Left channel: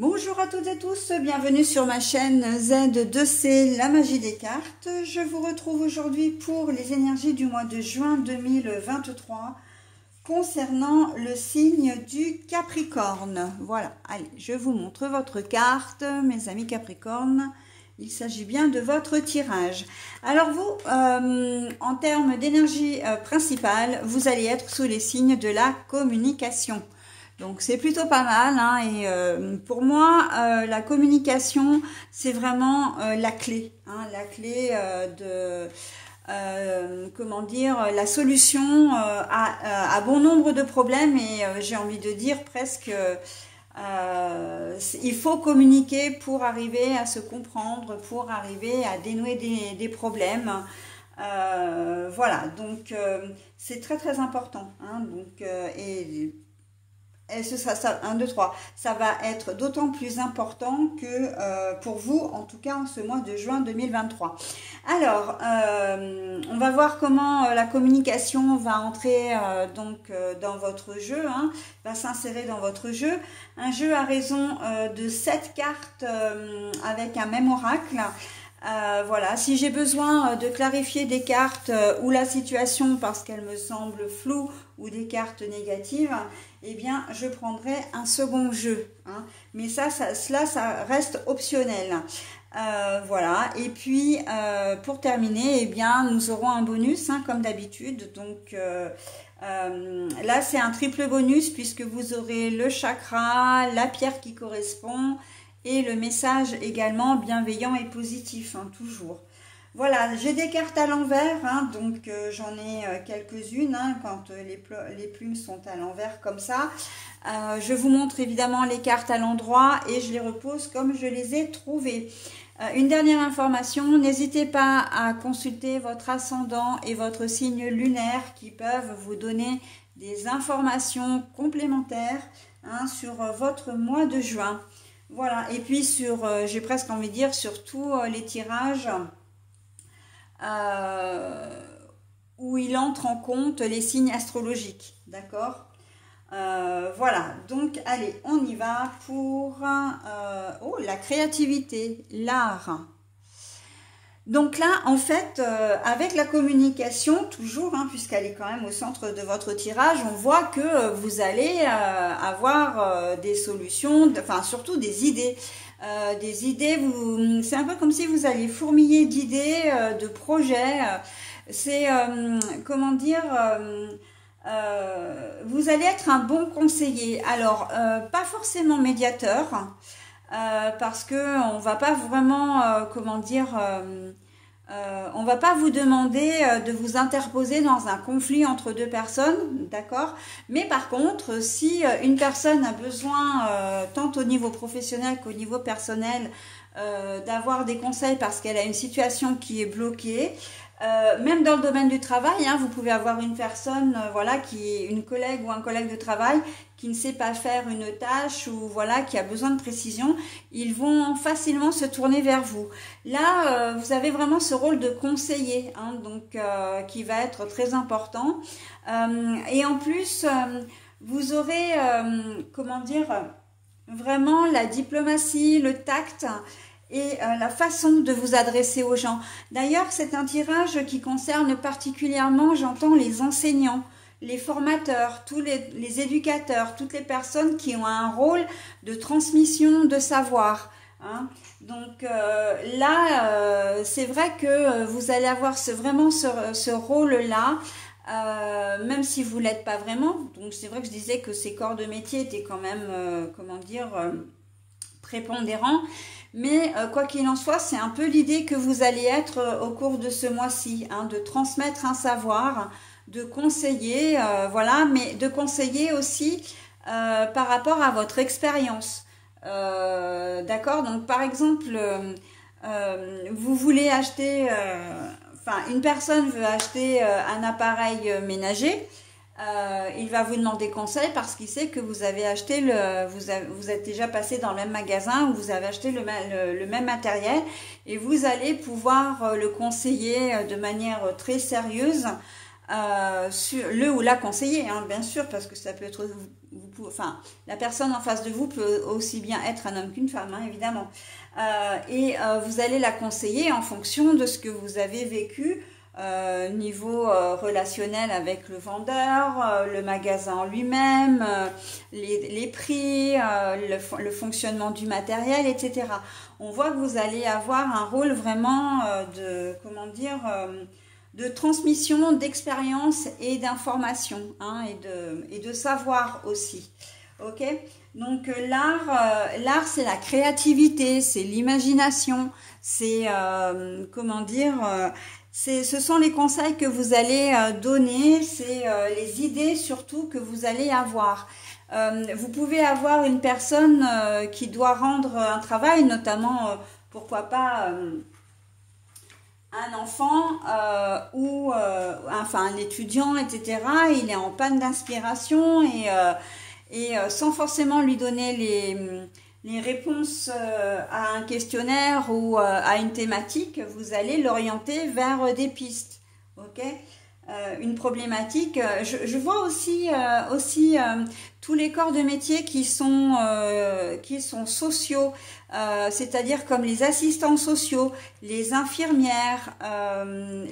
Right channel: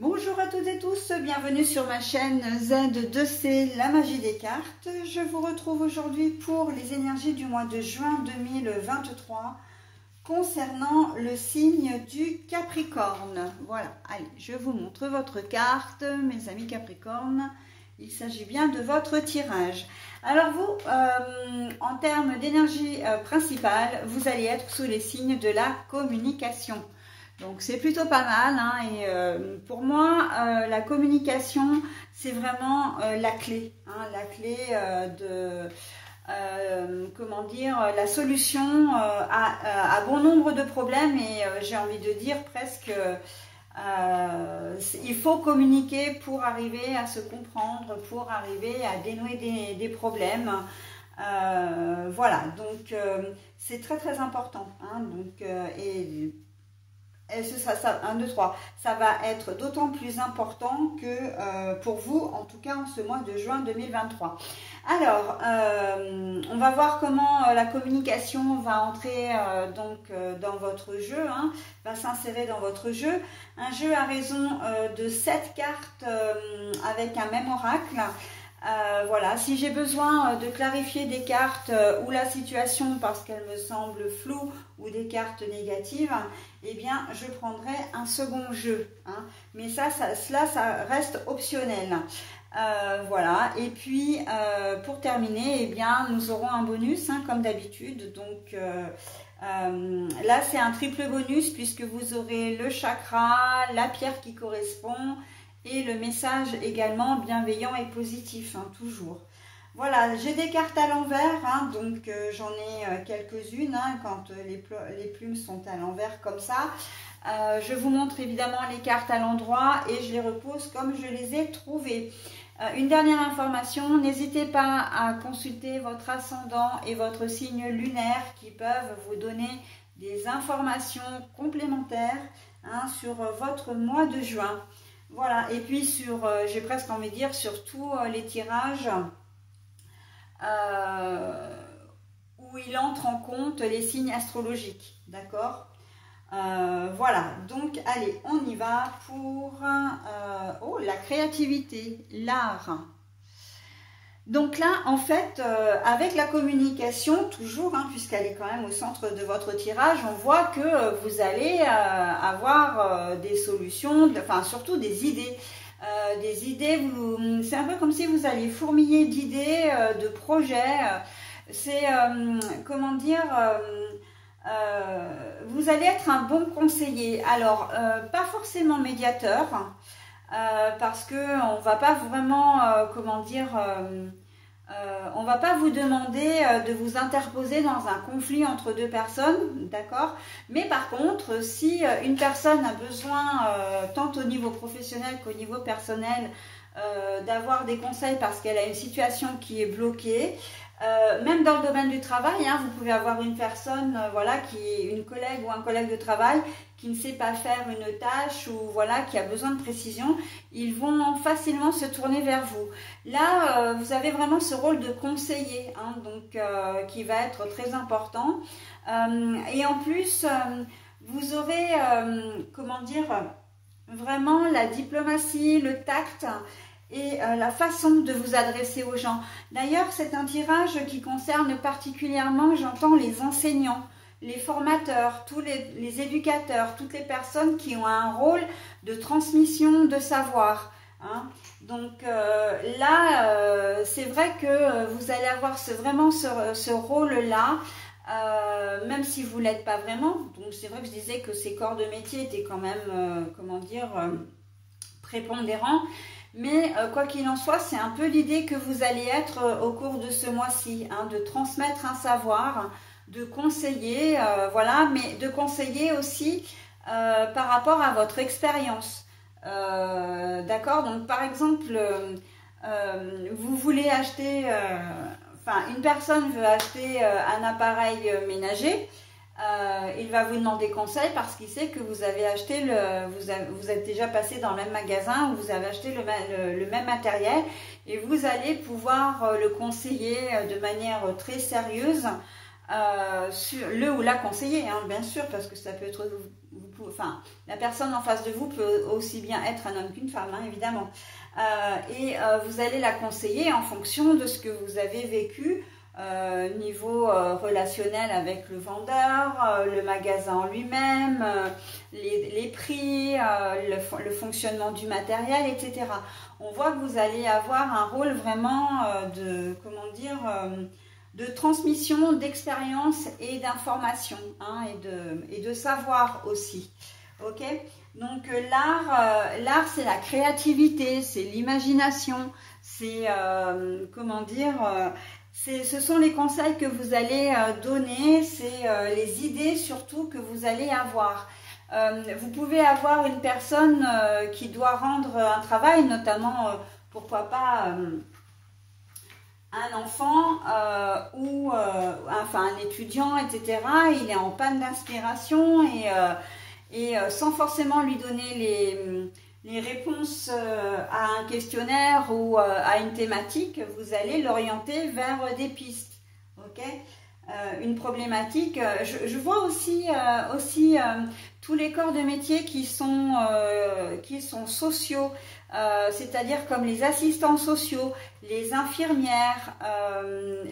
Bonjour à toutes et tous, bienvenue sur ma chaîne Z2C, la magie des cartes. Je vous retrouve aujourd'hui pour les énergies du mois de juin 2023 concernant le signe du Capricorne. Voilà, allez, je vous montre votre carte, mes amis Capricorne. Il s'agit bien de votre tirage. Alors vous, en termes d'énergie principale, vous allez être sous les signes de la communication. Donc c'est plutôt pas mal, hein, et pour moi, la communication, c'est vraiment la clé, hein, la clé comment dire, la solution à bon nombre de problèmes, et j'ai envie de dire presque, il faut communiquer pour arriver à se comprendre, pour arriver à dénouer des problèmes. Voilà, donc c'est très important, hein, donc, et ce sera ça, 1, 2, 3. Ça va être d'autant plus important que pour vous, en tout cas en ce mois de juin 2023. Alors, on va voir comment la communication va entrer dans votre jeu, hein, va s'insérer dans votre jeu. Un jeu à raison de 7 cartes avec un même oracle. Voilà, si j'ai besoin de clarifier des cartes ou la situation parce qu'elle me semble floue ou des cartes négatives, eh bien je prendrai un second jeu, hein. Mais ça reste optionnel. Voilà, et puis pour terminer, eh bien nous aurons un bonus, hein, comme d'habitude. Donc là c'est un triple bonus puisque vous aurez le chakra, la pierre qui correspond et le message également bienveillant et positif, hein, toujours. Voilà, j'ai des cartes à l'envers, hein, donc j'en ai quelques-unes, hein, quand les plumes sont à l'envers comme ça. Je vous montre évidemment les cartes à l'endroit et je les repose comme je les ai trouvées. Une dernière information, n'hésitez pas à consulter votre ascendant et votre signe lunaire qui peuvent vous donner des informations complémentaires, hein, sur votre mois de juin. Voilà, et puis sur, j'ai presque envie de dire, sur tous les tirages où il entre en compte les signes astrologiques, d'accord? Voilà, donc allez, on y va pour la créativité, l'art. Donc là, en fait, avec la communication, toujours, hein, puisqu'elle est quand même au centre de votre tirage, on voit que vous allez avoir des solutions, enfin surtout des idées. C'est un peu comme si vous alliez fourmiller d'idées, de projets. C'est, comment dire, vous allez être un bon conseiller. Alors, pas forcément médiateur, parce que on va pas vraiment, comment dire, on va pas vous demander de vous interposer dans un conflit entre deux personnes, d'accord? Mais par contre, si une personne a besoin, tant au niveau professionnel qu'au niveau personnel, d'avoir des conseils parce qu'elle a une situation qui est bloquée, même dans le domaine du travail, hein, vous pouvez avoir une personne, voilà, une collègue ou un collègue de travail qui ne sait pas faire une tâche ou voilà, qui a besoin de précision, ils vont facilement se tourner vers vous. Là, vous avez vraiment ce rôle de conseiller, hein, donc qui va être très important. Et en plus, vous aurez, comment dire, vraiment la diplomatie, le tact et la façon de vous adresser aux gens. D'ailleurs, c'est un tirage qui concerne particulièrement, j'entends, les enseignants, les formateurs, tous les éducateurs, toutes les personnes qui ont un rôle de transmission de savoir, hein. Donc là, c'est vrai que vous allez avoir vraiment ce rôle-là, même si vous ne l'êtes pas vraiment. Donc c'est vrai que je disais que ces corps de métier étaient quand même, comment dire, prépondérants. Mais quoi qu'il en soit, c'est un peu l'idée que vous allez être au cours de ce mois-ci, hein, de transmettre un savoir, de conseiller, voilà, mais de conseiller aussi par rapport à votre expérience. D'accord? Donc par exemple, vous voulez acheter, enfin une personne veut acheter un appareil ménager. Il va vous demander conseil parce qu'il sait que vous avez acheté vous êtes déjà passé dans le même magasin où vous avez acheté le même matériel et vous allez pouvoir le conseiller de manière très sérieuse, sur le ou la conseiller, hein, bien sûr, parce que ça peut être, vous enfin, la personne en face de vous peut aussi bien être un homme qu'une femme, hein, évidemment. Vous allez la conseiller en fonction de ce que vous avez vécu, niveau relationnel avec le vendeur, le magasin en lui-même, les prix, le fonctionnement du matériel, etc. On voit que vous allez avoir un rôle vraiment de, comment dire, de transmission d'expérience et d'information, hein, et de savoir aussi. Ok, donc l'art c'est la créativité, c'est l'imagination, c'est comment dire, ce sont les conseils que vous allez donner, c'est les idées surtout que vous allez avoir. Vous pouvez avoir une personne qui doit rendre un travail, notamment pourquoi pas un enfant ou enfin un étudiant, etc. Il est en panne d'inspiration et sans forcément lui donner les réponses à un questionnaire ou à une thématique, vous allez l'orienter vers des pistes. Ok, une problématique. Je vois aussi, tous les corps de métier qui sont sociaux, c'est-à-dire comme les assistants sociaux, les infirmières,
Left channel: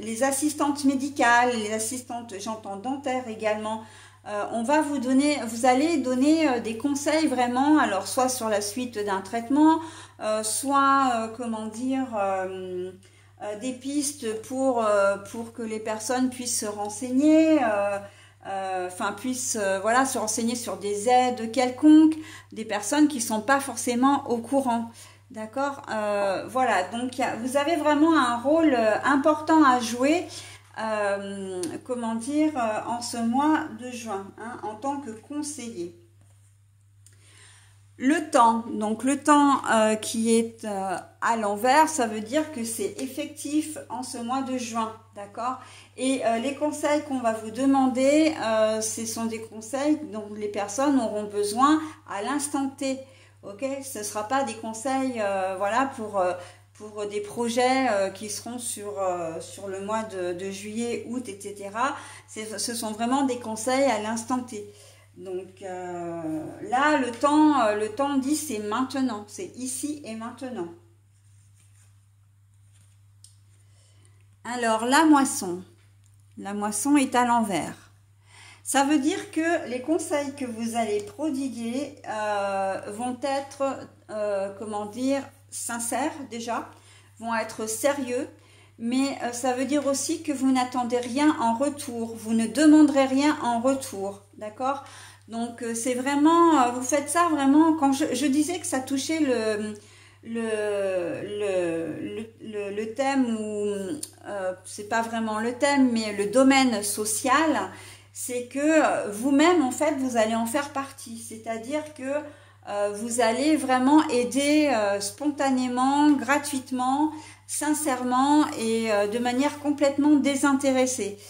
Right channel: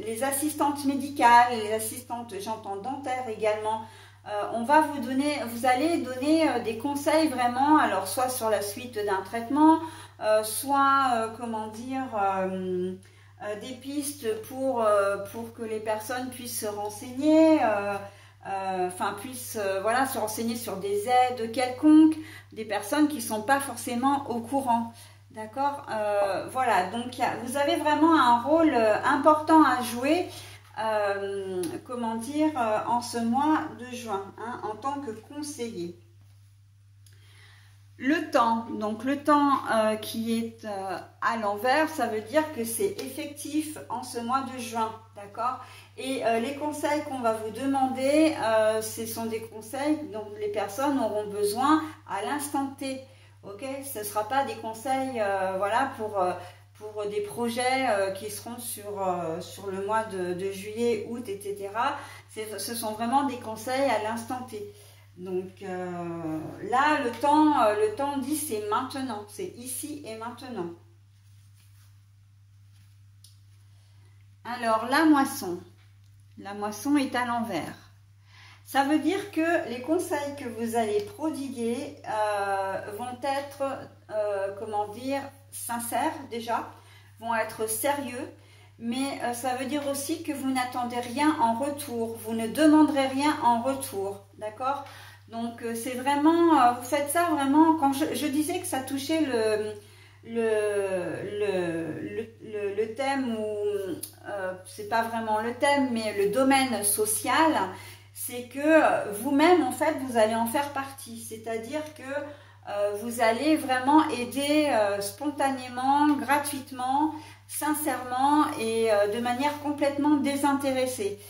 les assistantes médicales, les assistantes, j'entends dentaires également. On va vous allez donner des conseils vraiment, alors soit sur la suite d'un traitement, soit comment dire, des pistes pour que les personnes puissent se renseigner, enfin puissent voilà, se renseigner sur des aides quelconques, des personnes qui ne sont pas forcément au courant. D'accord, voilà, donc vous avez vraiment un rôle important à jouer. Comment dire, en ce mois de juin, hein, en tant que conseiller. Le temps, donc le temps qui est à l'envers, ça veut dire que c'est effectif en ce mois de juin, d'accord? Et les conseils qu'on va vous demander, ce sont des conseils dont les personnes auront besoin à l'instant T, ok? Ce ne sera pas des conseils, voilà, pour des projets qui seront sur le mois de juillet, août, etc. Ce sont vraiment des conseils à l'instant T. Donc là, le temps dit c'est maintenant, c'est ici et maintenant. Alors, la moisson est à l'envers. Ça veut dire que les conseils que vous allez prodiguer vont être, comment dire, sincères déjà, vont être sérieux, mais ça veut dire aussi que vous n'attendez rien en retour, vous ne demanderez rien en retour, d'accord? Donc c'est vraiment, vous faites ça vraiment, quand je disais que ça touchait le thème, ou c'est pas vraiment le thème, mais le domaine social, c'est que vous-même en fait vous allez en faire partie, c'est-à-dire que vous allez vraiment aider spontanément, gratuitement, sincèrement et de manière complètement désintéressée.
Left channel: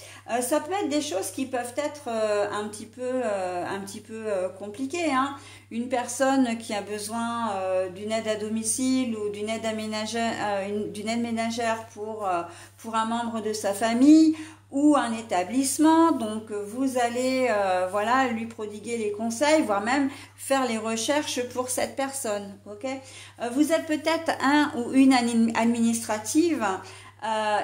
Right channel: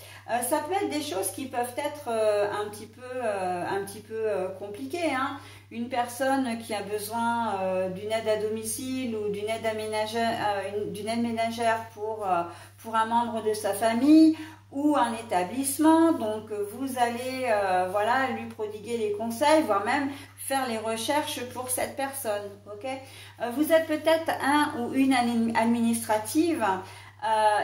Ça peut être des choses qui peuvent être un petit peu compliquées, hein. Une personne qui a besoin d'une aide à domicile ou d'une aide ménagère pour un membre de sa famille, ou un établissement, donc vous allez voilà, lui prodiguer les conseils, voire même faire les recherches pour cette personne. Okay, vous êtes peut-être un ou une administrative,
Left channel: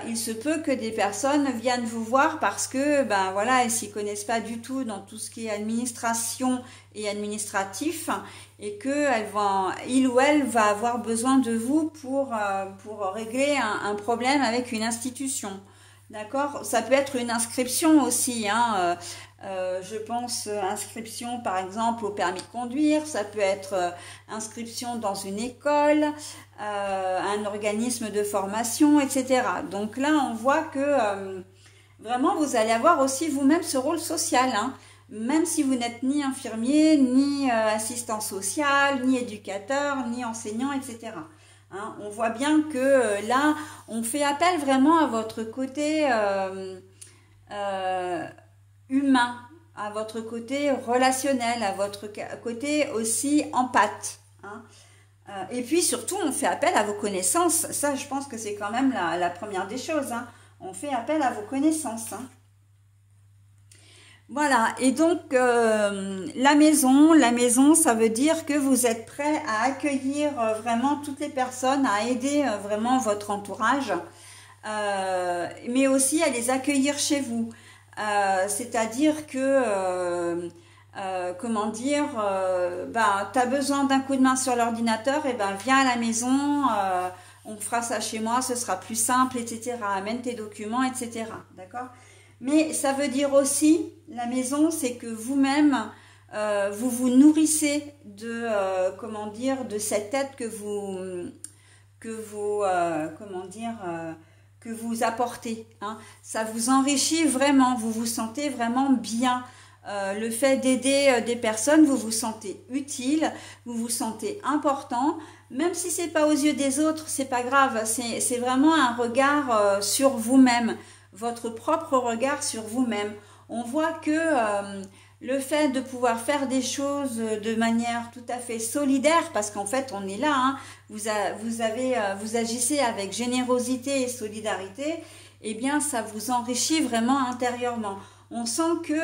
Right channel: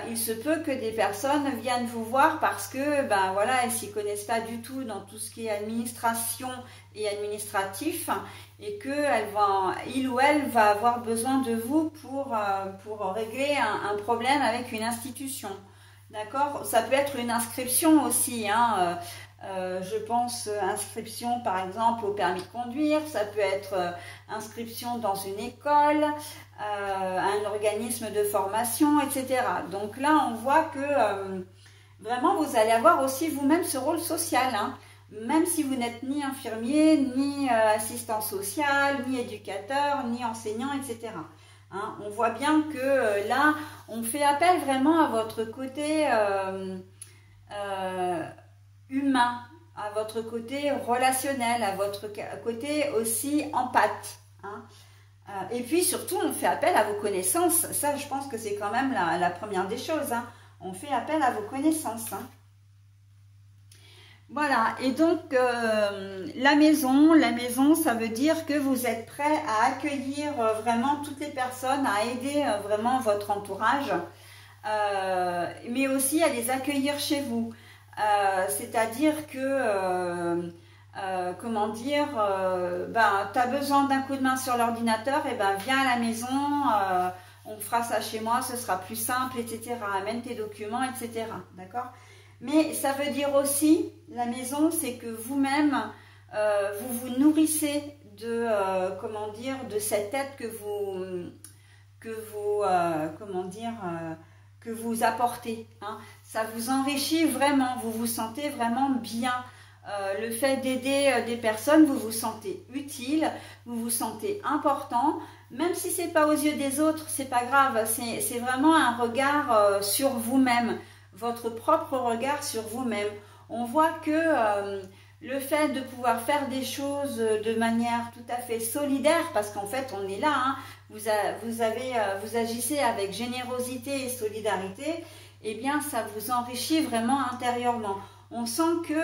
il se peut que des personnes viennent vous voir parce que ben voilà, elles s'y connaissent pas du tout dans tout ce qui est administration et administratif, et que il ou elle va avoir besoin de vous pour régler un problème avec une institution. D'accord, ça peut être une inscription aussi, hein. Je pense inscription par exemple au permis de conduire, ça peut être inscription dans une école, un organisme de formation, etc. Donc là, on voit que vraiment vous allez avoir aussi vous-même ce rôle social, hein. Même si vous n'êtes ni infirmier, ni assistant social, ni éducateur, ni enseignant, etc. Hein, on voit bien que là, on fait appel vraiment à votre côté humain, à votre côté relationnel, à votre côté aussi empathe. Hein. Et puis surtout, on fait appel à vos connaissances. Ça, je pense que c'est quand même la première des choses. Hein. On fait appel à vos connaissances. Hein. Voilà, et donc la maison, ça veut dire que vous êtes prêt à accueillir vraiment toutes les personnes, à aider vraiment votre entourage, mais aussi à les accueillir chez vous. C'est-à-dire que, comment dire, ben, tu as besoin d'un coup de main sur l'ordinateur, et ben viens à la maison, on fera ça chez moi, ce sera plus simple, etc. Amène tes documents, etc. D'accord ? Mais ça veut dire aussi, la maison, c'est que vous-même, vous vous nourrissez de, comment dire, de cette aide que vous apportez. Hein. Ça vous enrichit vraiment, vous vous sentez vraiment bien. Le fait d'aider des personnes, vous vous sentez utile, vous vous sentez important. Même si c'est pas aux yeux des autres, c'est pas grave. C'est vraiment un regard sur vous-même. Votre propre regard sur vous-même. On voit que le fait de pouvoir faire des choses de manière tout à fait solidaire, parce qu'en fait on est là, hein, vous agissez avec générosité et solidarité, eh bien ça vous enrichit vraiment intérieurement. On sent que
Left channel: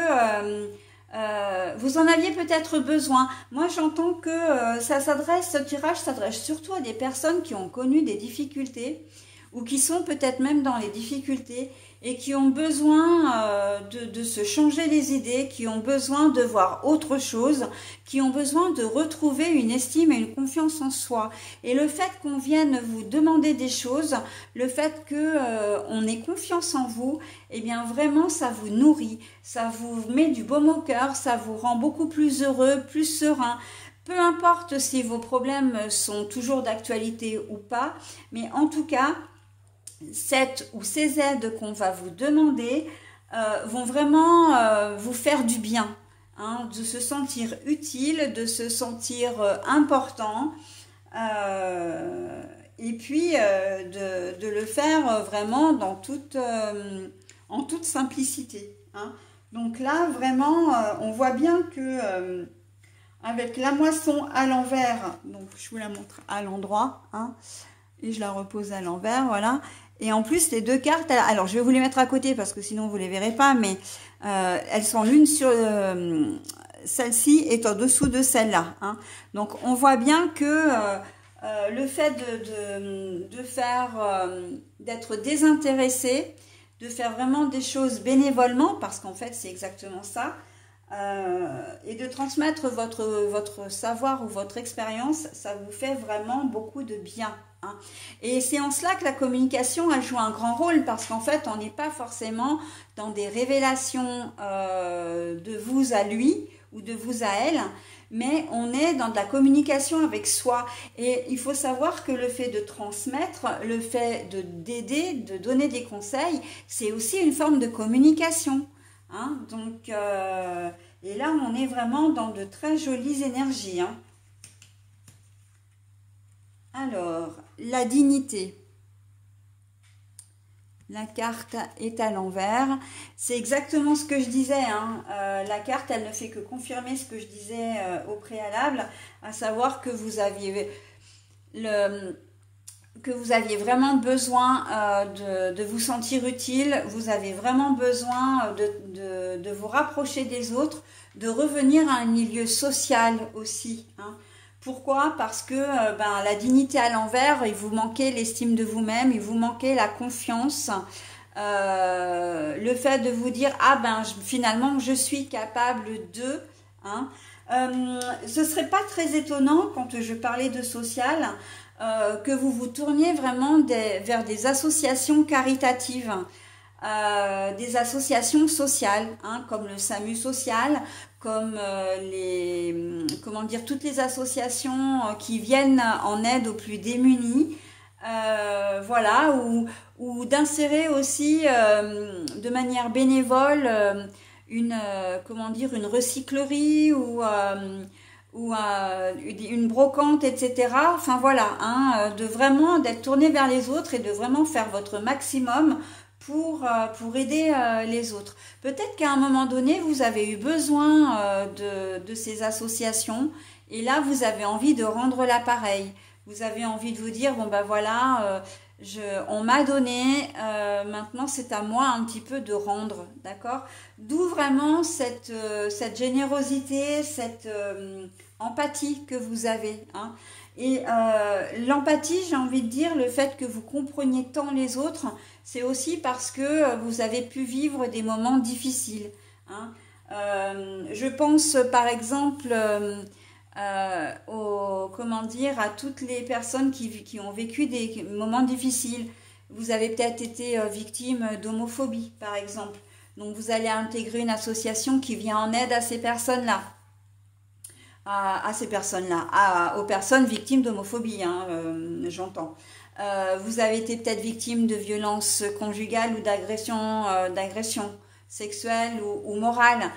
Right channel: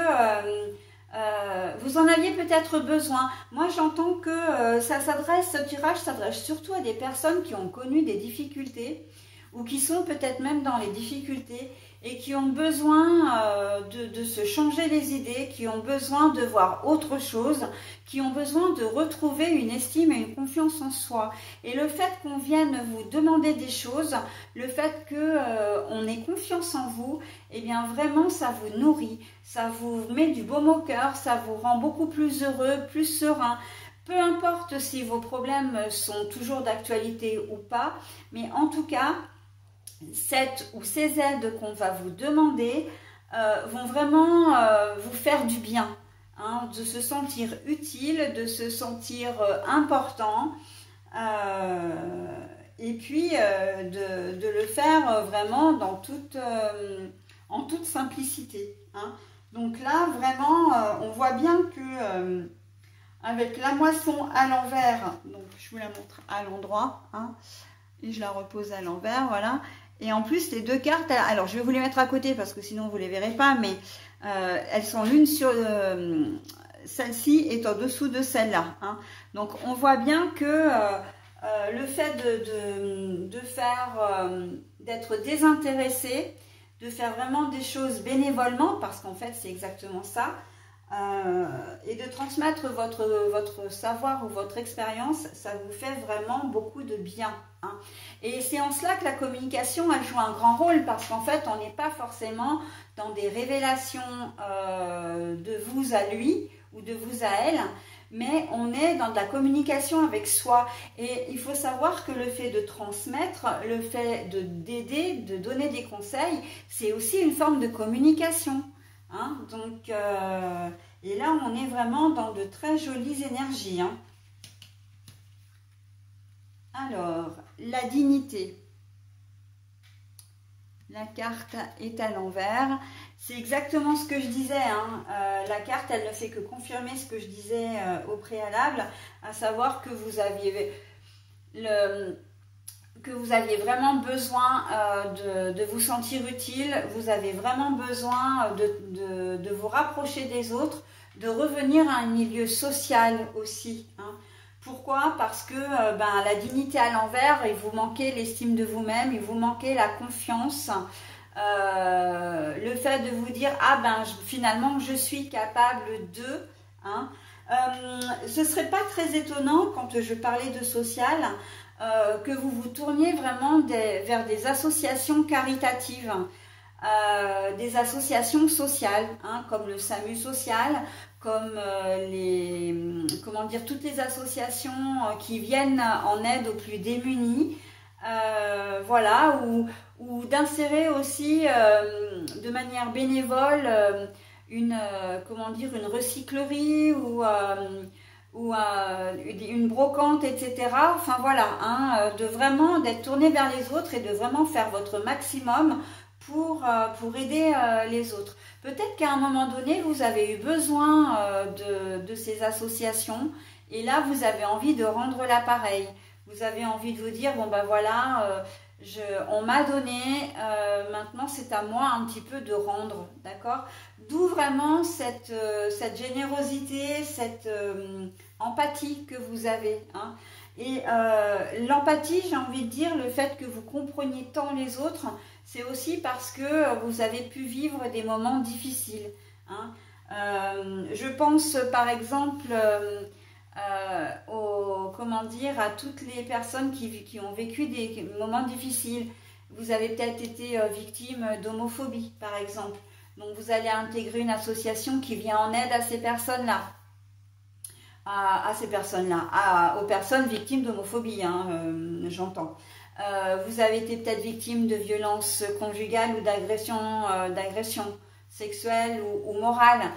vous en aviez peut-être besoin. Moi j'entends que ce tirage s'adresse surtout à des personnes qui ont connu des difficultés ou qui sont peut-être même dans les difficultés et qui ont besoin de se changer les idées, qui ont besoin de voir autre chose, qui ont besoin de retrouver une estime et une confiance en soi. Et le fait qu'on vienne vous demander des choses, le fait qu'on ait confiance en vous, eh bien vraiment ça vous nourrit, ça vous met du baume au cœur, ça vous rend beaucoup plus heureux, plus serein. Peu importe si vos problèmes sont toujours d'actualité ou pas, mais en tout cas, cette ou ces aides qu'on va vous demander vont vraiment vous faire du bien, hein, de se sentir utile, de se sentir important, et puis de le faire vraiment dans en toute simplicité. Hein. Donc là, vraiment, on voit bien que avec la moisson à l'envers, donc je vous la montre à l'endroit, hein, et je la repose à l'envers, voilà. Et en plus, les deux cartes, alors je vais vous les mettre à côté parce que sinon vous ne les verrez pas, mais elles sont l'une sur celle-ci est en dessous de celle-là. Hein. Donc on voit bien que le fait de faire, d'être désintéressé, de faire vraiment des choses bénévolement, parce qu'en fait c'est exactement ça, et de transmettre votre savoir ou votre expérience, ça vous fait vraiment beaucoup de bien. Hein. Et c'est en cela que la communication a joué un grand rôle, parce qu'en fait on n'est pas forcément dans des révélations de vous à lui ou de vous à elle, mais on est dans de la communication avec soi. Et il faut savoir que le fait de transmettre, le fait d'aider, de donner des conseils, c'est aussi une forme de communication. Hein, donc, et là, on est vraiment dans de très jolies énergies. Hein. Alors, la dignité. La carte est à l'envers. C'est exactement ce que je disais. Hein. La carte, elle ne fait que confirmer ce que je disais au préalable, à savoir que vous aviez vraiment besoin de vous sentir utile, vous avez vraiment besoin de vous rapprocher des autres, de revenir à un milieu social aussi. Hein. Pourquoi? Parce que la dignité à l'envers, il vous manquait l'estime de vous-même, il vous manquait la confiance, le fait de vous dire « Ah finalement, je suis capable de… Hein. » Ce ne serait pas très étonnant quand je parlais de social, que vous vous tourniez vraiment vers des associations caritatives, des associations sociales, hein, comme le SAMU social, comme toutes les associations qui viennent en aide aux plus démunis, voilà, ou d'insérer aussi de manière bénévole une recyclerie ou une brocante, etc. Enfin voilà, hein, d'être tourné vers les autres et de vraiment faire votre maximum pour aider les autres. Peut-être qu'à un moment donné, vous avez eu besoin de ces associations et là, vous avez envie de rendre l'appareil. Vous avez envie de vous dire, bon voilà, On m'a donné, maintenant c'est à moi un petit peu de rendre, d'accord? D'où vraiment cette générosité, cette empathie que vous avez, hein. Et l'empathie, j'ai envie de dire, le fait que vous compreniez tant les autres, c'est aussi parce que vous avez pu vivre des moments difficiles, hein. Je pense par exemple comment dire, à toutes les personnes qui ont vécu des moments difficiles. Vous avez peut-être été victime d'homophobie, par exemple. Donc, vous allez intégrer une association qui vient en aide à ces personnes-là. Aux personnes victimes d'homophobie, hein, j'entends. Vous avez été peut-être victime de violences conjugales ou d'agression sexuelle ou morale.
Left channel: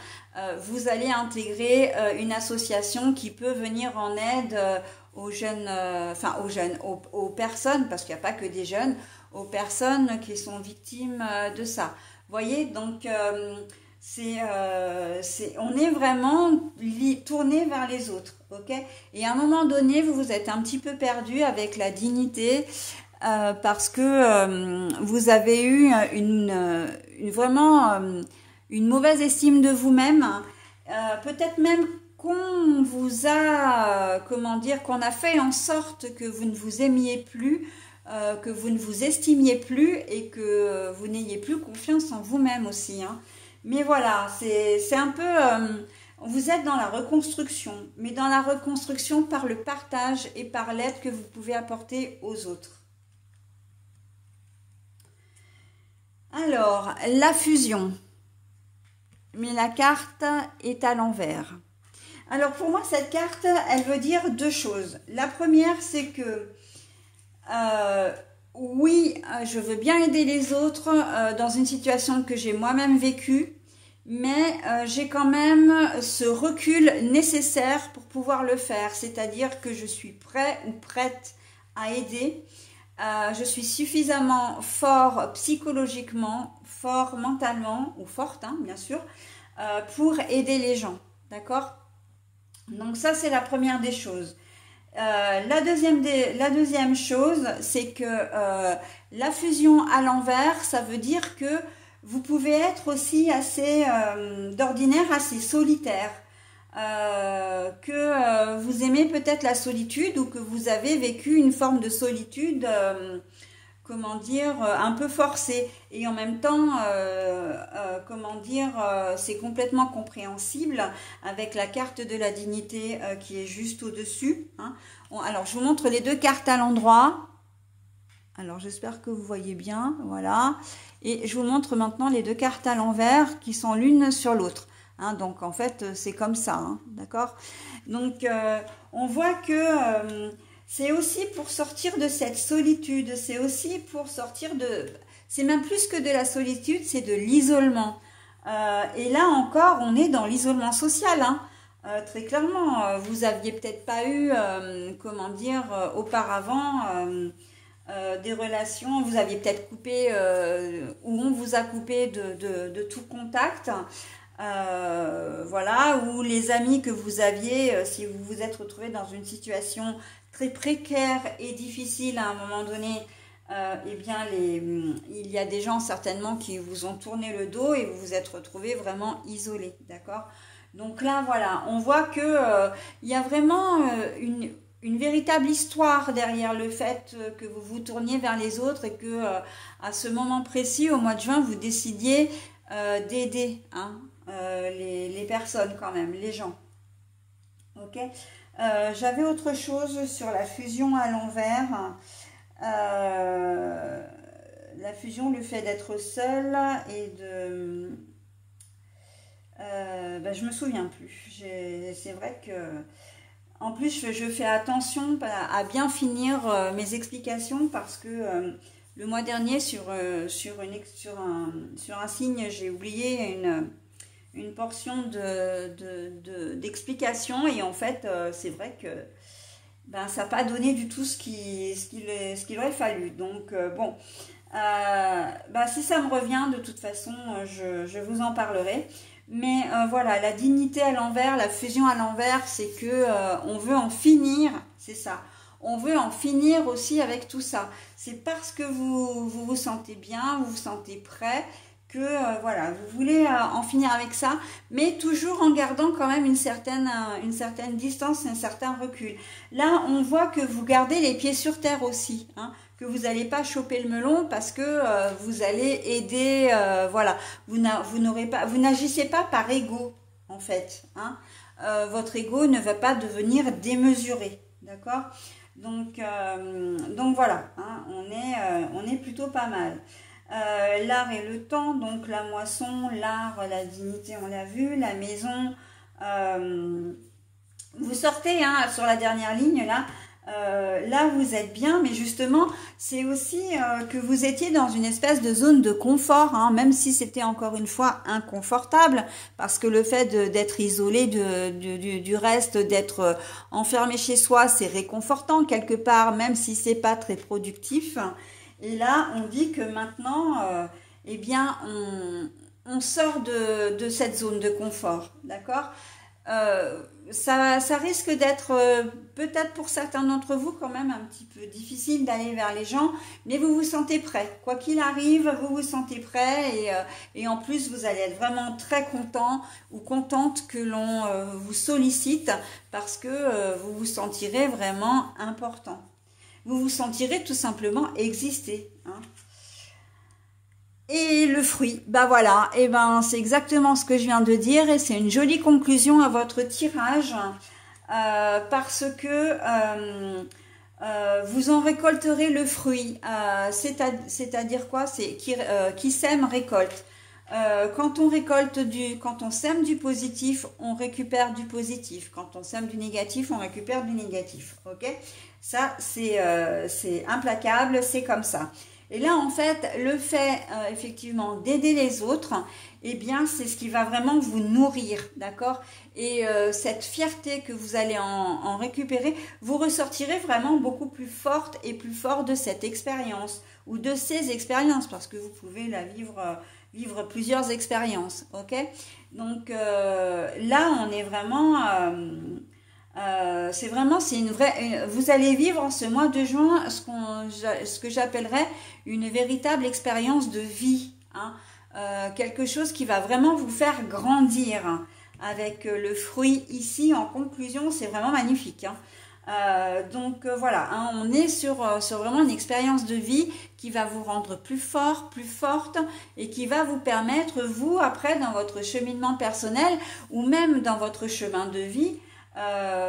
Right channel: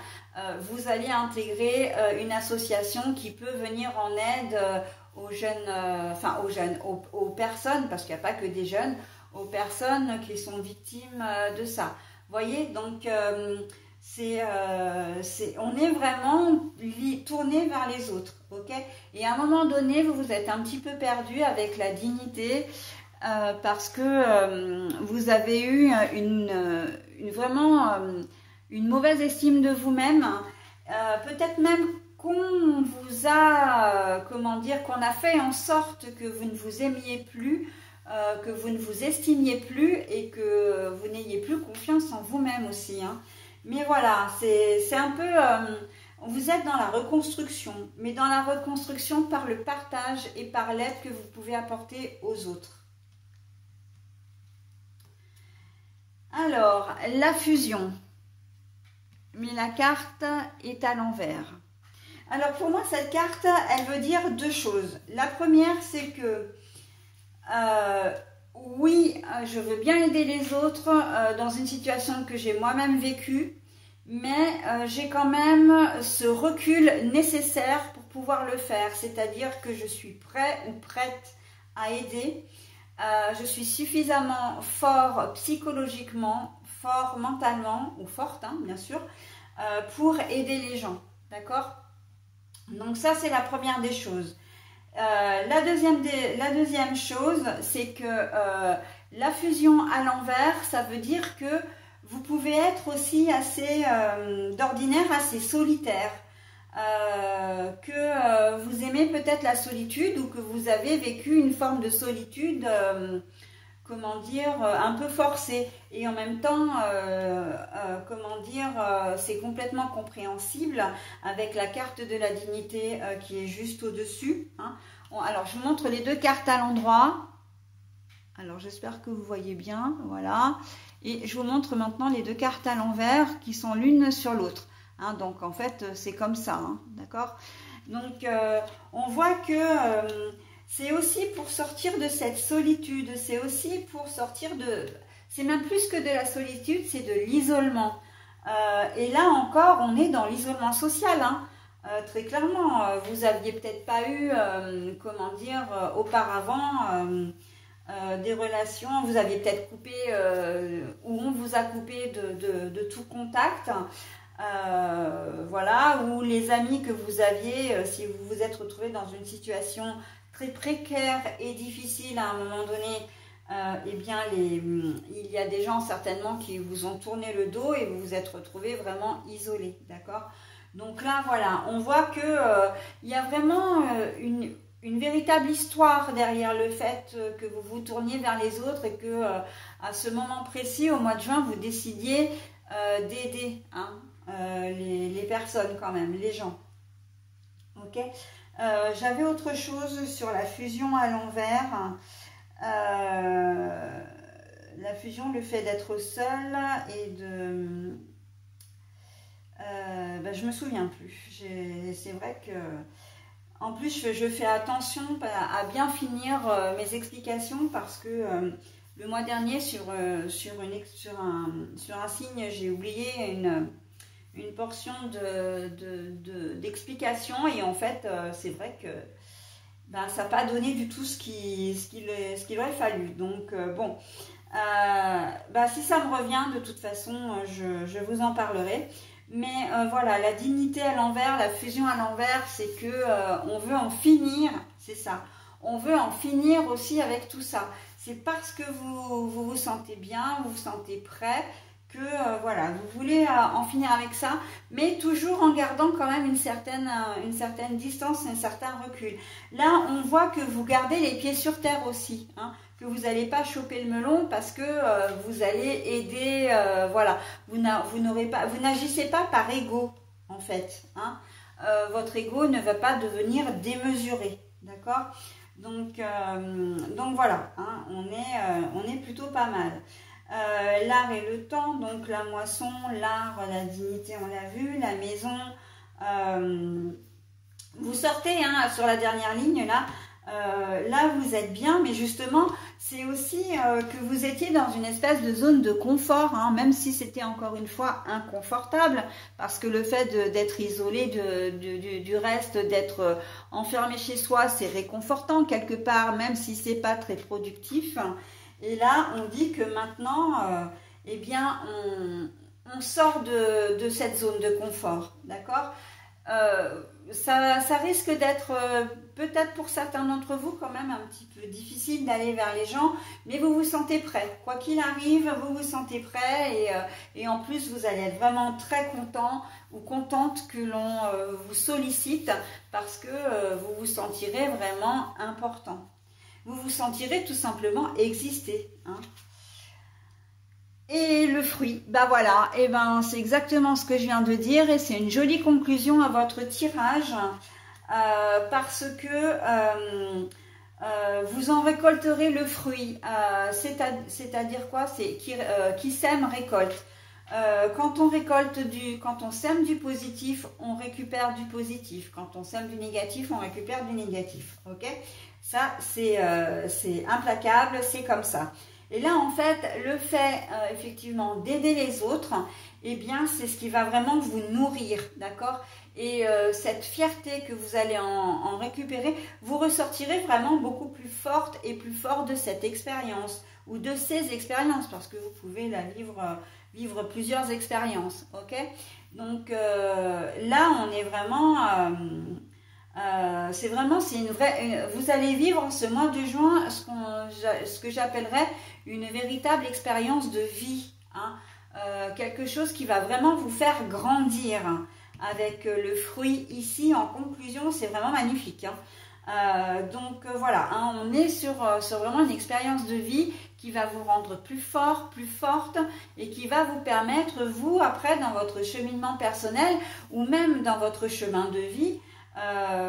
Vous allez intégrer une association qui peut venir en aide aux jeunes, aux personnes, parce qu'il n'y a pas que des jeunes, aux personnes qui sont victimes de ça. Vous voyez, donc on est vraiment tourné vers les autres, ok? Et à un moment donné, vous vous êtes un petit peu perdu avec la dignité parce que vous avez eu vraiment une mauvaise estime de vous-même, peut-être même qu'on vous a, comment dire, qu'on a fait en sorte que vous ne vous aimiez plus, que vous ne vous estimiez plus et que vous n'ayez plus confiance en vous-même aussi, hein. Mais voilà, c'est un peu, vous êtes dans la reconstruction, mais dans la reconstruction par le partage et par l'aide que vous pouvez apporter aux autres. Alors, la fusion. Mais la carte est à l'envers. Alors pour moi, cette carte, elle veut dire deux choses. La première, c'est que oui, je veux bien aider les autres dans une situation que j'ai moi-même vécue, mais j'ai quand même ce recul nécessaire pour pouvoir le faire. C'est-à-dire que je suis prêt ou prête à aider. Je suis suffisamment fort psychologiquement, fort mentalement, ou forte, hein, bien sûr, pour aider les gens, d'accord? Donc ça, c'est la première des choses. La deuxième chose, c'est que la fusion à l'envers, ça veut dire que vous pouvez être aussi assez, d'ordinaire, assez solitaire. Que vous aimez peut-être la solitude ou que vous avez vécu une forme de solitude, comment dire, un peu forcée. Et en même temps, comment dire, c'est complètement compréhensible avec la carte de la dignité qui est juste au-dessus, hein. Alors, je vous montre les deux cartes à l'endroit. Alors, j'espère que vous voyez bien, voilà. Et je vous montre maintenant les deux cartes à l'envers qui sont l'une sur l'autre. Hein, donc, en fait, c'est comme ça, hein, d'accord? Donc, on voit que c'est aussi pour sortir de cette solitude, c'est aussi pour sortir de... C'est même plus que de la solitude, c'est de l'isolement. Et là encore, on est dans l'isolement social, hein, très clairement. Vous aviez peut-être pas eu, comment dire, auparavant... des relations, vous aviez peut-être coupé, ou on vous a coupé de tout contact, voilà, ou les amis que vous aviez, si vous vous êtes retrouvé dans une situation très précaire et difficile à un moment donné, eh bien, il y a des gens certainement qui vous ont tourné le dos et vous vous êtes retrouvé vraiment isolé, d'accord? Donc là, voilà, on voit que il y a vraiment une véritable histoire derrière le fait que vous vous tourniez vers les autres et que à ce moment précis, au mois de juin, vous décidiez d'aider, hein, les personnes quand même, les gens. Ok. J'avais autre chose sur la fusion à l'envers. La fusion, le fait d'être seul et de... ben, je me souviens plus. C'est vrai que... En plus, je fais attention à bien finir mes explications parce que le mois dernier, sur un signe, j'ai oublié une portion d'explication et en fait, c'est vrai que ben, ça n'a pas donné du tout ce qu'il aurait fallu. Donc, bon, ben, si ça me revient, de toute façon, je vous en parlerai. Mais voilà, la dignité à l'envers, la fusion à l'envers, c'est que on veut en finir, c'est ça. on veut en finir aussi avec tout ça. C'est parce que vous sentez bien, vous vous sentez prêt, que voilà, vous voulez en finir avec ça, mais toujours en gardant quand même une certaine distance, un certain recul. Là, on voit que vous gardez les pieds sur terre aussi, hein, que vous n'allez pas choper le melon parce que vous allez aider, voilà, vous n'agissez pas par ego en fait, hein. Votre ego ne va pas devenir démesuré, d'accord? Donc voilà, hein, on est plutôt pas mal. L'art et le temps, donc la moisson, l'art, la dignité, on l'a vu, la maison. Vous sortez hein, sur la dernière ligne là. Là vous êtes bien, mais justement c'est aussi que vous étiez dans une espèce de zone de confort, hein, même si c'était encore une fois inconfortable, parce que le fait d'être isolé du reste, d'être enfermé chez soi, c'est réconfortant quelque part, même si c'est pas très productif. Et là on dit que maintenant eh bien on sort de cette zone de confort, d'accord? Ça risque d'être peut-être pour certains d'entre vous quand même un petit peu difficile d'aller vers les gens, mais vous vous sentez prêt. Quoi qu'il arrive, vous vous sentez prêt et en plus vous allez être vraiment très content ou contente que l'on vous sollicite parce que vous vous sentirez vraiment important. Vous vous sentirez tout simplement exister, hein. Et le fruit, bah voilà, et ben c'est exactement ce que je viens de dire et c'est une jolie conclusion à votre tirage parce que vous en récolterez le fruit, c'est-à-dire quoi? C'est qui sème récolte. Quand on sème du positif, on récupère du positif. Quand on sème du négatif, on récupère du négatif. Ok? Ça c'est implacable, c'est comme ça. Et là, en fait, le fait, effectivement, d'aider les autres, eh bien, c'est ce qui va vraiment vous nourrir, d'accord? Et cette fierté que vous allez en récupérer, vous ressortirez vraiment beaucoup plus forte et plus fort de cette expérience ou de ces expériences, parce que vous pouvez la vivre plusieurs expériences, ok? Donc, là, on est vraiment... c'est une vraie, vous allez vivre ce mois de juin ce que j'appellerais une véritable expérience de vie, hein, quelque chose qui va vraiment vous faire grandir, hein, avec le fruit ici en conclusion, c'est vraiment magnifique, hein. Voilà, hein, on est sur vraiment une expérience de vie qui va vous rendre plus fort, plus forte et qui va vous permettre, vous, après, dans votre cheminement personnel ou même dans votre chemin de vie,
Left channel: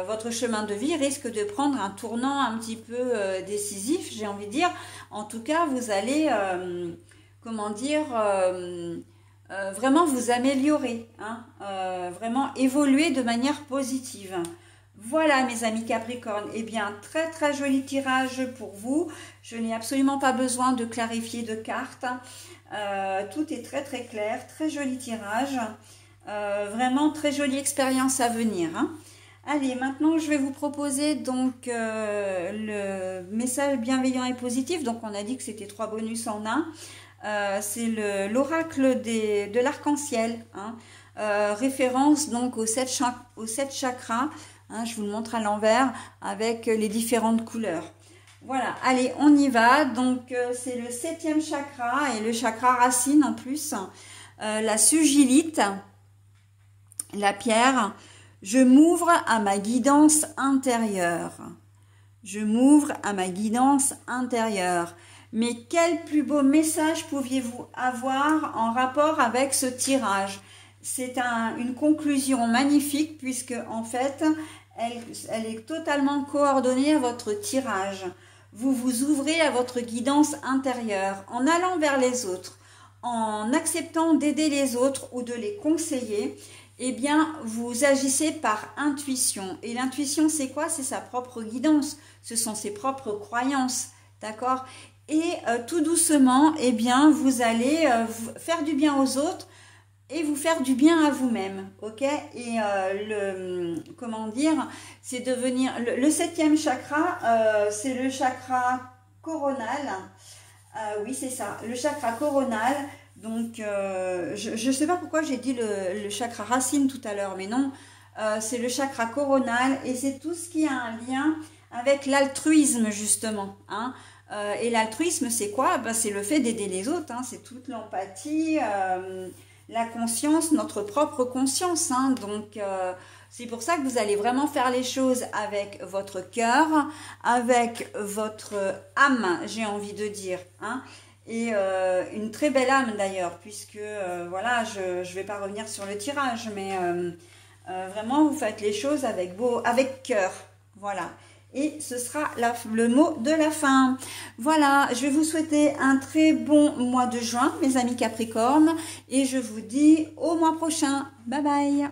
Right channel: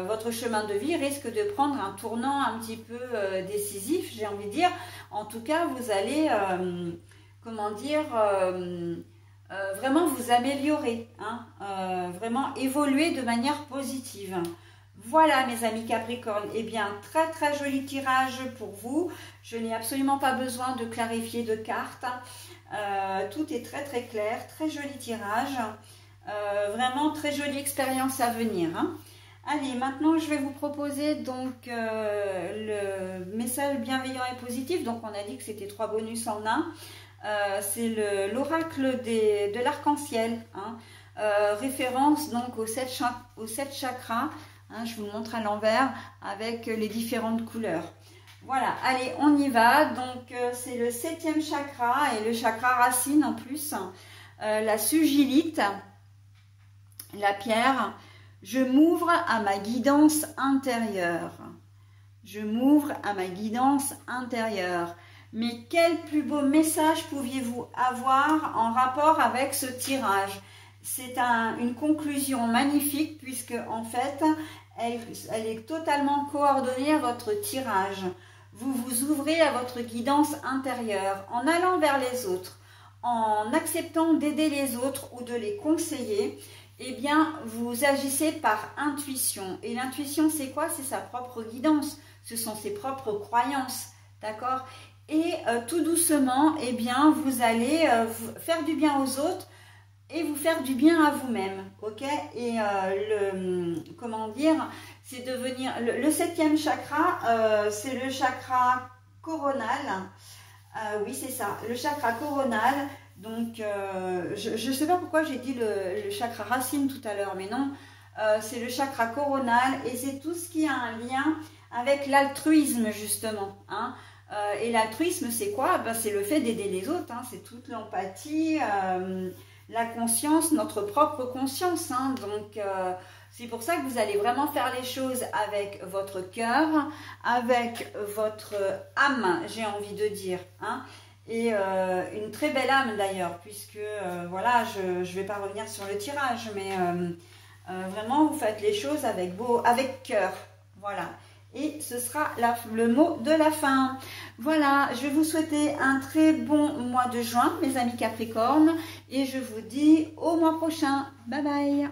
votre chemin de vie risque de prendre un tournant un petit peu décisif, j'ai envie de dire. En tout cas, vous allez, comment dire, vraiment vous améliorer, hein, vraiment évoluer de manière positive. Voilà mes amis Capricorne, eh bien très très joli tirage pour vous. Je n'ai absolument pas besoin de clarifier de cartes. Tout est très très clair, très joli tirage. Vraiment très jolie expérience à venir, hein. Allez, maintenant je vais vous proposer donc le message bienveillant et positif. Donc on a dit que c'était 3 bonus en un. C'est l'oracle de l'arc-en-ciel, hein. Référence donc aux 7 chakras, hein, je vous le montre à l'envers avec les différentes couleurs. Voilà, allez, on y va. Donc c'est le 7e chakra et le chakra racine en plus, la sugilite, la pierre. Je m'ouvre à ma guidance intérieure. Je m'ouvre à ma guidance intérieure. Mais quel plus beau message pouviez-vous avoir en rapport avec ce tirage? C'est une conclusion magnifique puisque en fait, elle est totalement coordonnée à votre tirage. Vous vous ouvrez à votre guidance intérieure en allant vers les autres, en acceptant d'aider les autres ou de les conseiller. Eh bien, vous agissez par intuition. Et l'intuition, c'est quoi? C'est sa propre guidance. Ce sont ses propres croyances, d'accord? Et tout doucement, eh bien, vous allez faire du bien aux autres et vous faire du bien à vous-même, ok? Et comment dire, c'est devenir... Le 7e chakra, c'est le chakra coronal. Oui, c'est ça, le chakra coronal. Donc, je ne sais pas pourquoi j'ai dit le chakra racine tout à l'heure, mais non, c'est le chakra coronal et c'est tout ce qui a un lien avec l'altruisme justement. Hein. Et l'altruisme, c'est quoi? Ben, c'est le fait d'aider les autres, hein. C'est toute l'empathie, la conscience, notre propre conscience. Hein. Donc, c'est pour ça que vous allez vraiment faire les choses avec votre cœur, avec votre âme, j'ai envie de dire. Hein. Et une très belle âme d'ailleurs, puisque, voilà, je ne vais pas revenir sur le tirage, mais vraiment, vous faites les choses avec cœur. Voilà. Et ce sera le mot de la fin. Voilà, je vais vous souhaiter un très bon mois de juin, mes amis Capricornes. Et je vous dis au mois prochain. Bye bye.